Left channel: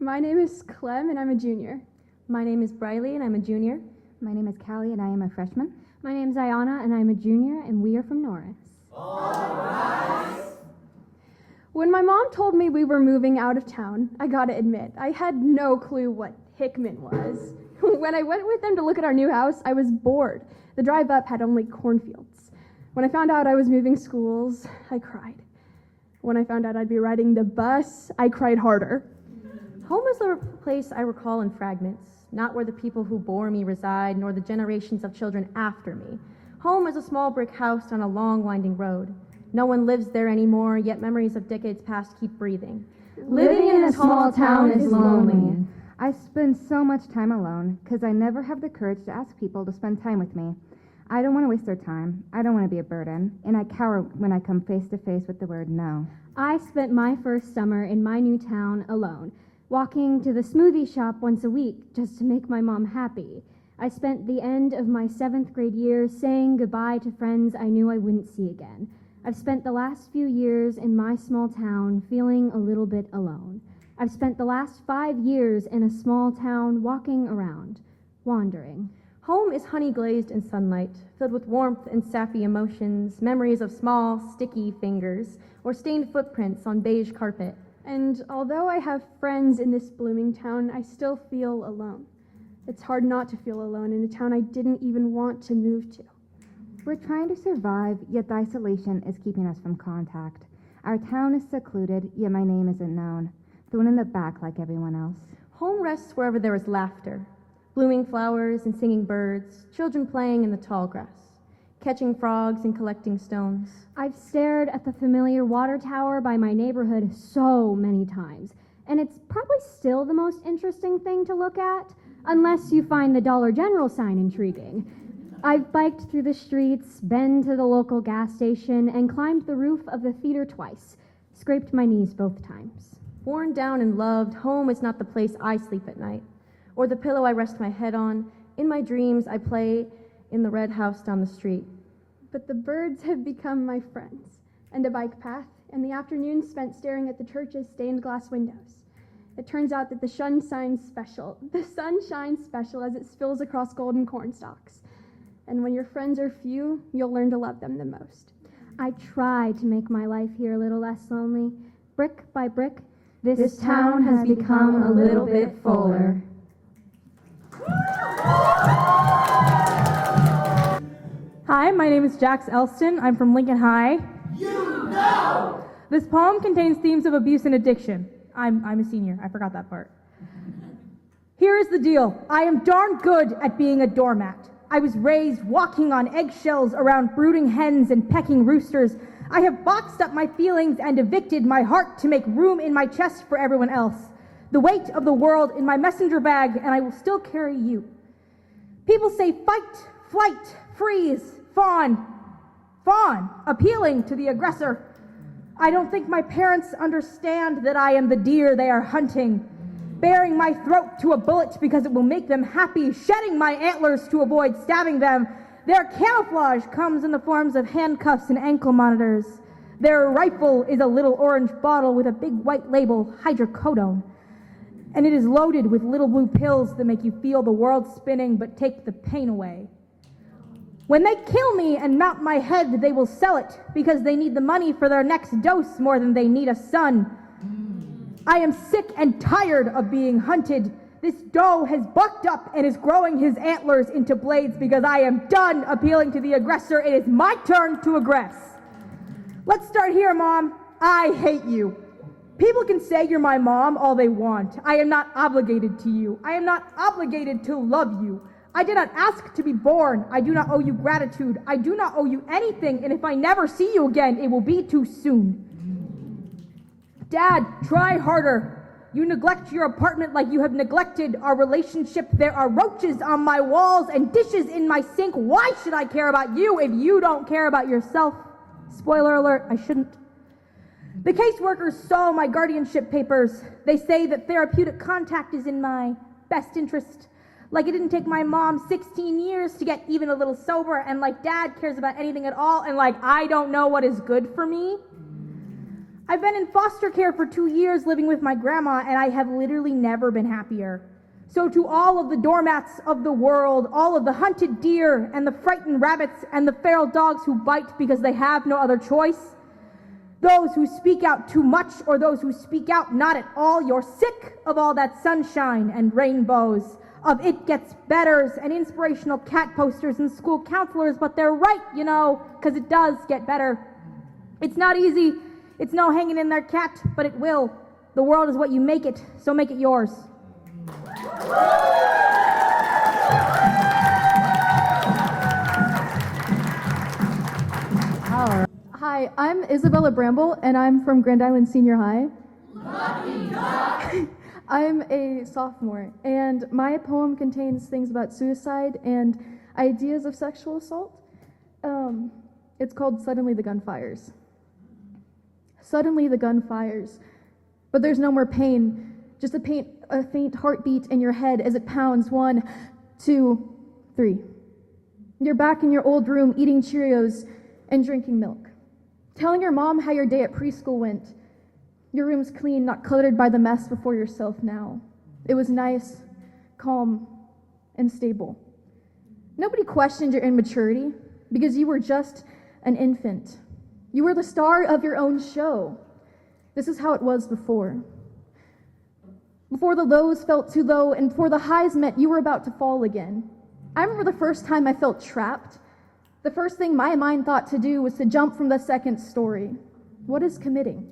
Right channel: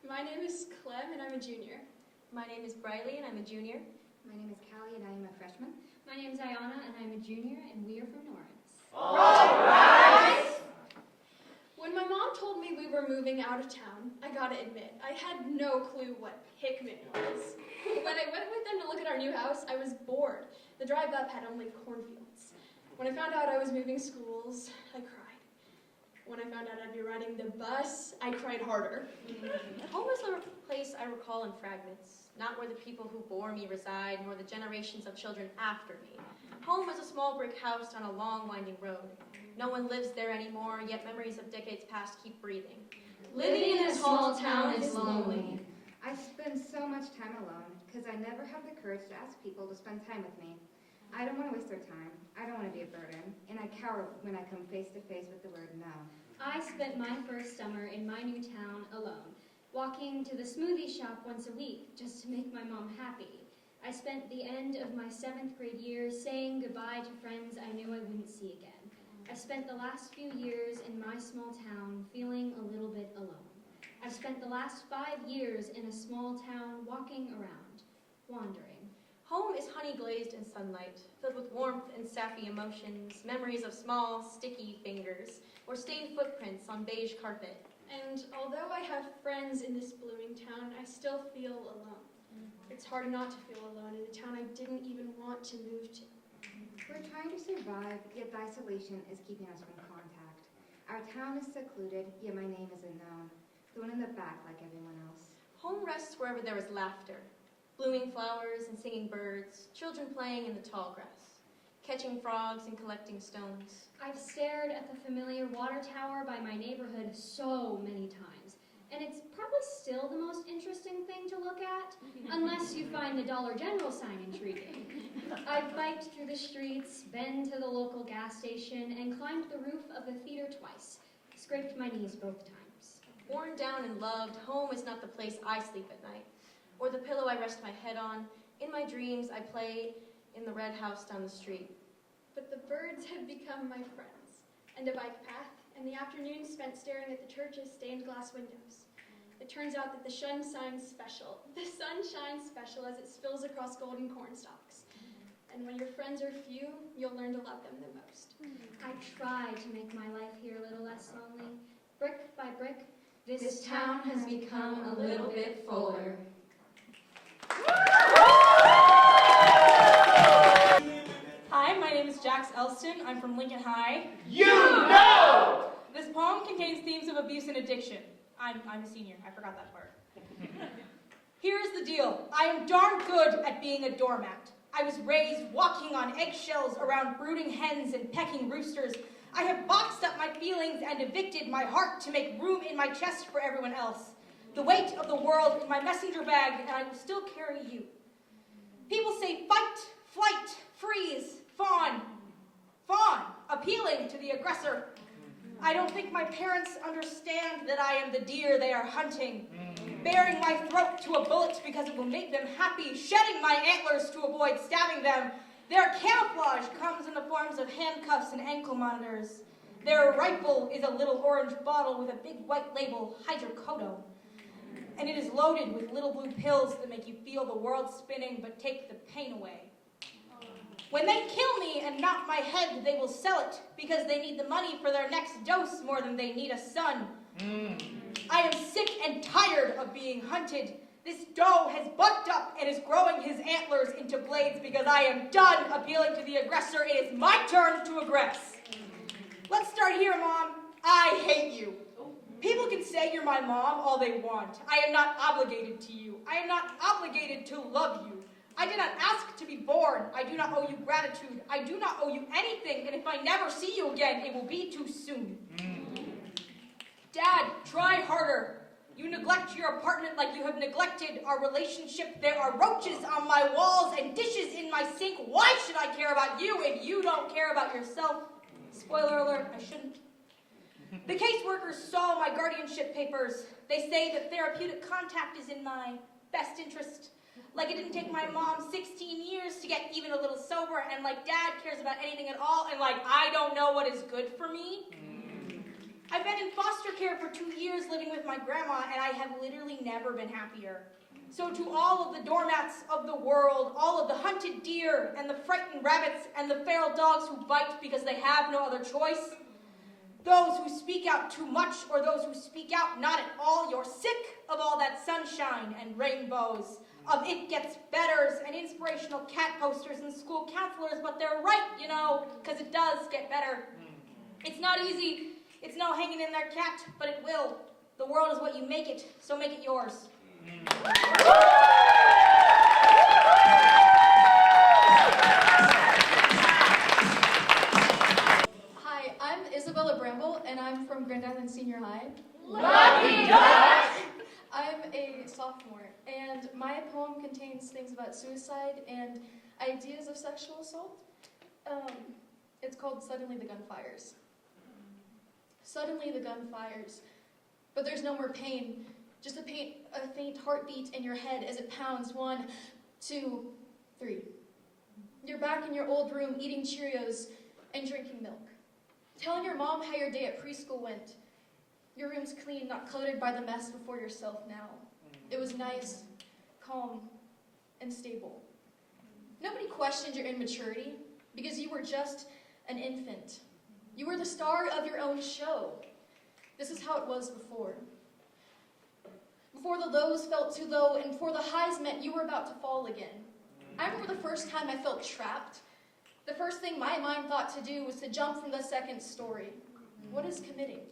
My name is Clem, and I'm a junior. My name is Briley, and I'm a junior. My name is Callie, and I am a freshman. My name is Ayana, and I'm a junior, and we are from Norris. All right! When my mom told me we were moving out of town, I gotta admit, I had no clue what Hickman was. When I went with them to look at our new house, I was bored. The drive up had only cornfields. When I found out I was moving schools, I cried. When I found out I'd be riding the bus, I cried harder. Home is a place I recall in fragments, not where the people who bore me reside, nor the generations of children after me. Home is a small brick house on a long, winding road. No one lives there anymore, yet memories of decades past keep breathing. Living in a small town is lonely. I spend so much time alone because I never have the courage to ask people to spend time with me. I don't want to waste their time. I don't want to be a burden, and I cower when I come face to face with the word no. I spent my first summer in my new town alone, walking to the smoothie shop once a week just to make my mom happy. I spent the end of my 7th grade year saying goodbye to friends I knew I wouldn't see again. I've spent the last few years in my small town feeling a little bit alone. I've spent the last 5 years in a small town walking around, wandering. Home is honey glazed in sunlight, filled with warmth and sappy emotions, memories of small, sticky fingers, or stained footprints on beige carpet. And although I have friends in this blooming town, I still feel alone. It's hard not to feel alone in a town I didn't even want to move to. We're trying to survive, yet the isolation is keeping us from contact. Our town is secluded, yet my name isn't known. Thrown in the back like everyone else. Home rests wherever there is laughter, blooming flowers and singing birds, children playing in the tall grass, catching frogs and collecting stones. I've stared at the familiar water tower by my neighborhood so many times, and it's probably still the most interesting thing to look at, unless you find the Dollar General sign intriguing. I've biked through the streets, been to the local gas station, and climbed the roof of the theater twice, scraped my knees both times. Worn down and loved, home is not the place I sleep at night, or the pillow I rest my head on. In my dreams, I play in the red house down the street. But the birds have become my friends, and a bike path, and the afternoon spent staring at the church's stained glass windows. It turns out that the sun shines special as it spills across golden cornstalks. And when your friends are few, you'll learn to love them the most. I try to make my life here a little less lonely. Brick by brick, This town has become a little bit fuller. Hi, my name is Jax Elston. I'm from Lincoln High. You know! This poem contains themes of abuse and addiction. I'm a senior. I forgot that part. Here is the deal. I am darn good at being a doormat. I was raised walking on eggshells around brooding hens and pecking roosters. I have boxed up my feelings and evicted my heart to make room in my chest for everyone else. The weight of the world in my messenger bag, and I will still carry you. People say fight, flight, freeze, fawn, appealing to the aggressor. I don't think my parents understand that I am the deer they are hunting, baring my throat to a bullet because it will make them happy, shedding my antlers to avoid stabbing them. Their camouflage comes in the forms of handcuffs and ankle monitors. Their rifle is a little orange bottle with a big white label, hydrocodone. And it is loaded with little blue pills that make you feel the world spinning but take the pain away. When they kill me and mount my head, they will sell it because they need the money for their next dose more than they need a son. I am sick and tired of being hunted. This doe has bucked up and is growing his antlers into blades because I am done appealing to the aggressor. It is my turn to aggress. Let's start here, Mom. I hate you. People can say you're my mom all they want. I am not obligated to you. I am not obligated to love you. I did not ask to be born. I do not owe you gratitude. I do not owe you anything, and if I never see you again, it will be too soon. Dad, try harder. You neglect your apartment like you have neglected our relationship. There are roaches on my walls and dishes in my sink. Why should I care about you if you don't care about yourself? Spoiler alert, I shouldn't. The caseworkers saw my guardianship papers. They say that therapeutic contact is in my best interest. Like it didn't take my mom 16 years to get even a little sober, and like Dad cares about anything at all, and like I don't know what is good for me. I've been in foster care for 2 years living with my grandma, and I have literally never been happier. So to all of the doormats of the world, all of the hunted deer and the frightened rabbits and the feral dogs who bite because they have no other choice, those who speak out too much or those who speak out not at all, you're sick of all that sunshine and rainbows, of it gets betters and inspirational cat posters and school counselors, but they're right, you know, because it does get better. It's not easy. It's no hanging in there, cat, but it will. The world is what you make it, so make it yours. Hi, I'm Isabella Bramble, and I'm from Grand Island Senior High. Lucky duck! I'm a sophomore, and my poem contains things about suicide and ideas of sexual assault. It's called Suddenly the Gun Fires. Suddenly the gun fires, but there's no more pain, just a faint heartbeat in your head as it pounds. 1, 2, 3. You're back in your old room eating Cheerios and drinking milk, telling your mom how your day at preschool went. Your room's clean, not cluttered by the mess before yourself now. It was nice, calm, and stable. Nobody questioned your immaturity because you were just an infant. You were the star of your own show. This is how it was before. Before the lows felt too low and before the highs meant you were about to fall again. I remember the first time I felt trapped. The first thing my mind thought to do was to jump from the second story. What is committing?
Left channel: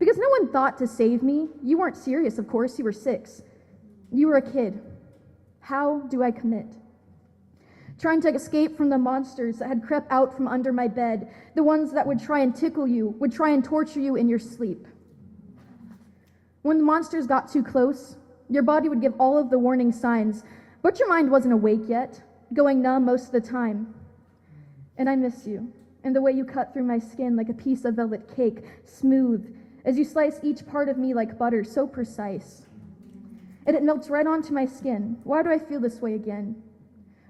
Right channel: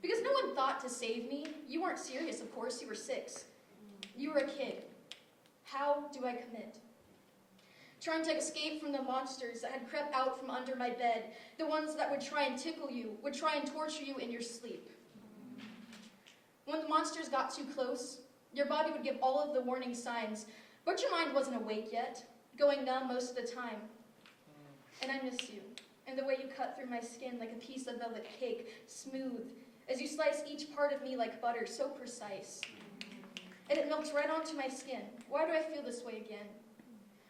Because no one thought to save me. You weren't serious, of course. You were 6. You were a kid. How do I commit? Trying to escape from the monsters that had crept out from under my bed, the ones that would try and tickle you, would try and torture you in your sleep. When the monsters got too close, your body would give all of the warning signs, but your mind wasn't awake yet, going numb most of the time. And I miss you, and the way you cut through my skin like a piece of velvet cake, smooth, as you slice each part of me like butter, so precise. And it melts right onto my skin. Why do I feel this way again?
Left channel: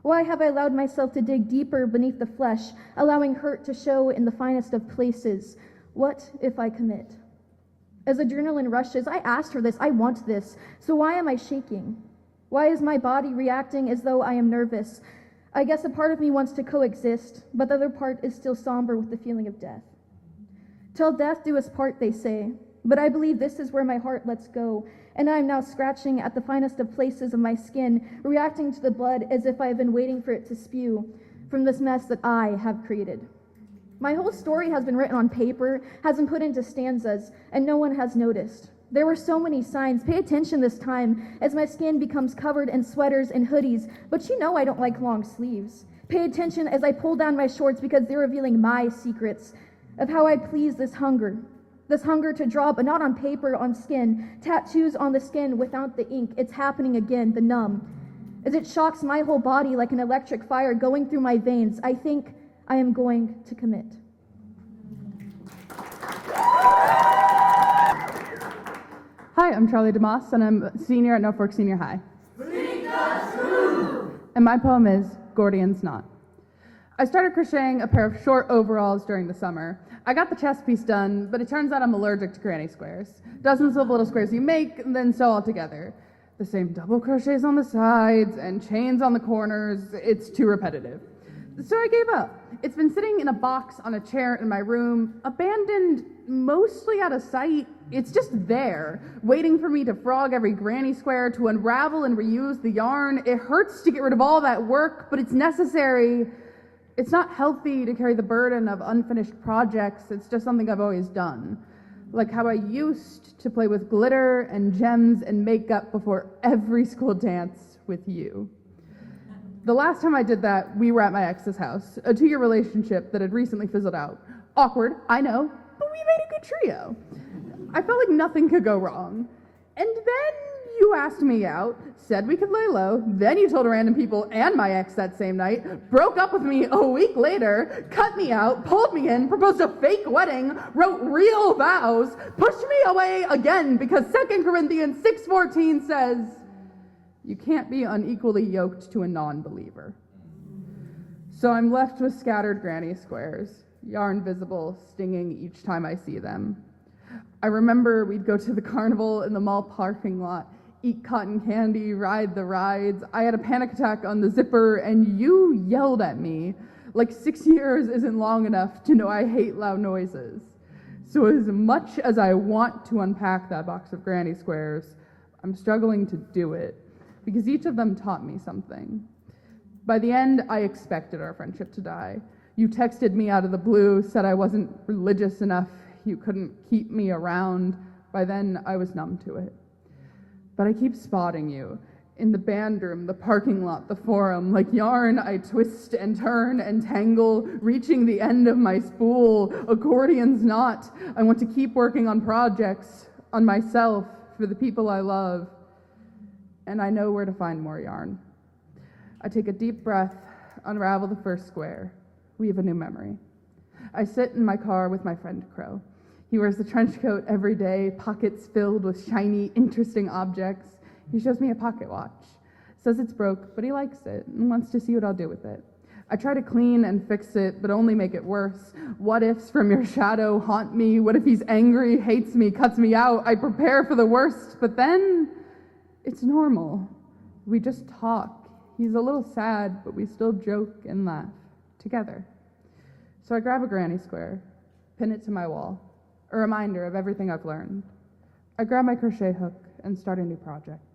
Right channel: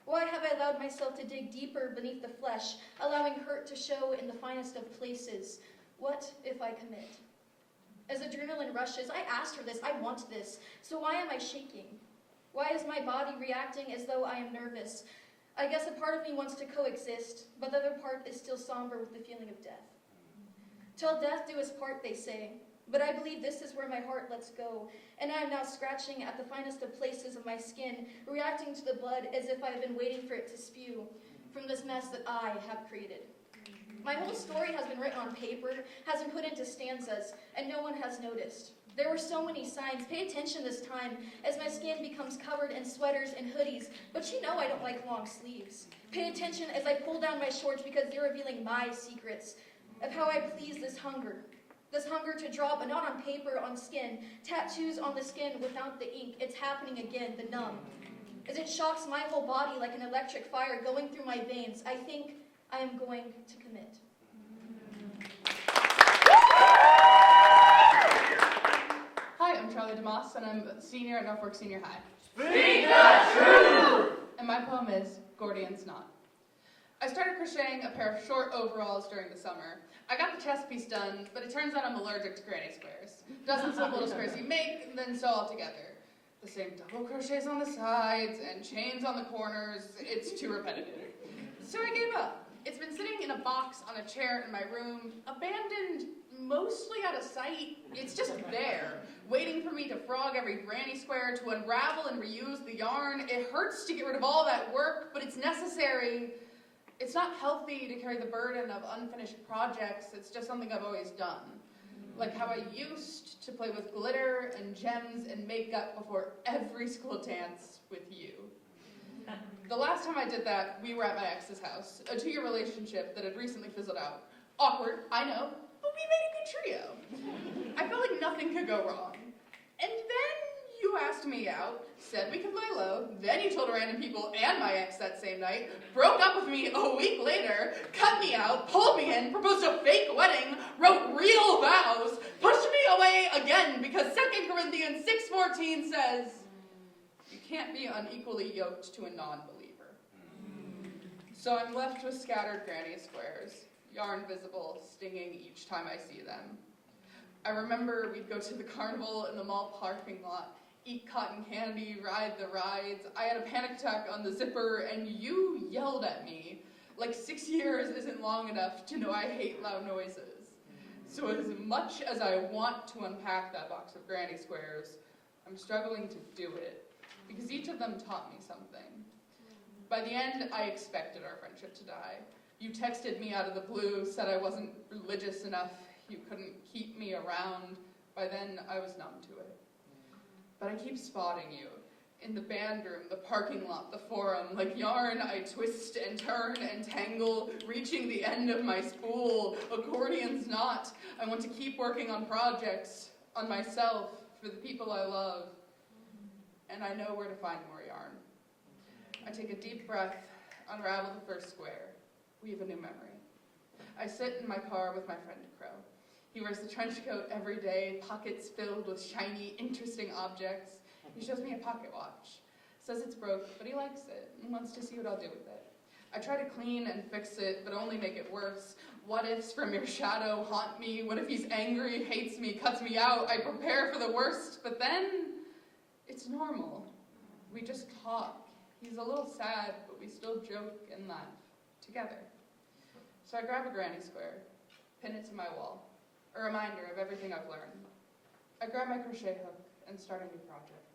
Why have I allowed myself to dig deeper beneath the flesh, allowing hurt to show in the finest of places? What if I commit? As adrenaline rushes, I asked for this, I want this, so why am I shaking? Why is my body reacting as though I am nervous? I guess a part of me wants to coexist, but the other part is still somber with the feeling of death. Till death do us part, they say, but I believe this is where my heart lets go, and I am now scratching at the finest of places of my skin, reacting to the blood as if I have been waiting for it to spew from this mess that I have created. My whole story has been written on paper, has been put into stanzas, and no one has noticed. There were so many signs. Pay attention this time as my skin becomes covered in sweaters and hoodies, but you know I don't like long sleeves. Pay attention as I pull down my shorts because they're revealing my secrets of how I please this hunger to draw, but not on paper, on skin, tattoos on the skin without the ink. It's happening again, the numb. As it shocks my whole body like an electric fire going through my veins, I think I am going to commit. Hi, I'm Charlie DeMoss, and I'm a senior at Norfolk Senior High. Speak the truth! And my poem is Gordian's Knot. I started crocheting a pair of short overalls during the summer. I got the chest piece done, but it turns out I'm allergic to granny squares. Dozens of little squares you make, and then sew all together. The same double crochets on the sides and chains on the corners. It's too repetitive. So I gave up. It's been sitting in a box on a chair in my room, abandoned, mostly out of sight. It's just there, waiting for me to frog every granny square, to unravel and reuse the yarn. It hurts to get rid of all that work, but it's necessary. It's not healthy to carry the burden of unfinished projects. It's just something I've always done. Like how I used to play with glitter and gems and makeup before every school dance with you. The last time I did that, we were at my ex's house, a 2-year relationship that had recently fizzled out. Awkward, I know, but we made a good trio. I felt like nothing could go wrong. And then you asked me out, said we could lay low, then you told random people and my ex that same night, broke up with me a week later, cut me out, pulled me in, proposed a fake wedding, wrote real vows, pushed me away again because 2 Corinthians 6:14 says, you can't be unequally yoked to a non-believer. So I'm left with scattered granny squares, yarn visible, stinging each time I see them. I remember we'd go to the carnival in the mall parking lot, eat cotton candy, ride the rides. I had a panic attack on the zipper, and you yelled at me. Like 6 years isn't long enough to know I hate loud noises. So as much as I want to unpack that box of granny squares, I'm struggling to do it, because each of them taught me something. By the end, I expected our friendship to die. You texted me out of the blue, said I wasn't religious enough, you couldn't keep me around. By then, I was numb to it. But I keep spotting you. In the band room, the parking lot, the forum, like yarn, I twist and turn and tangle, reaching the end of my spool. Accordion's knot. I want to keep working on projects, on myself, for the people I love. And I know where to find more yarn. I take a deep breath, unravel the first square, weave a new memory. I sit in my car with my friend Crow. He wears a trench coat every day, pockets filled with shiny, interesting objects. He shows me a pocket watch, says it's broke, but he likes it and wants to see what I'll do with it. I try to clean and fix it, but only make it worse. What ifs from your shadow haunt me? What if he's angry, hates me, cuts me out? I prepare for the worst, but then it's normal. We just talk. He's a little sad, but we still joke and laugh together. So I grab a granny square, pin it to my wall, a reminder of everything I've learned. I grab my crochet hook and start a new project.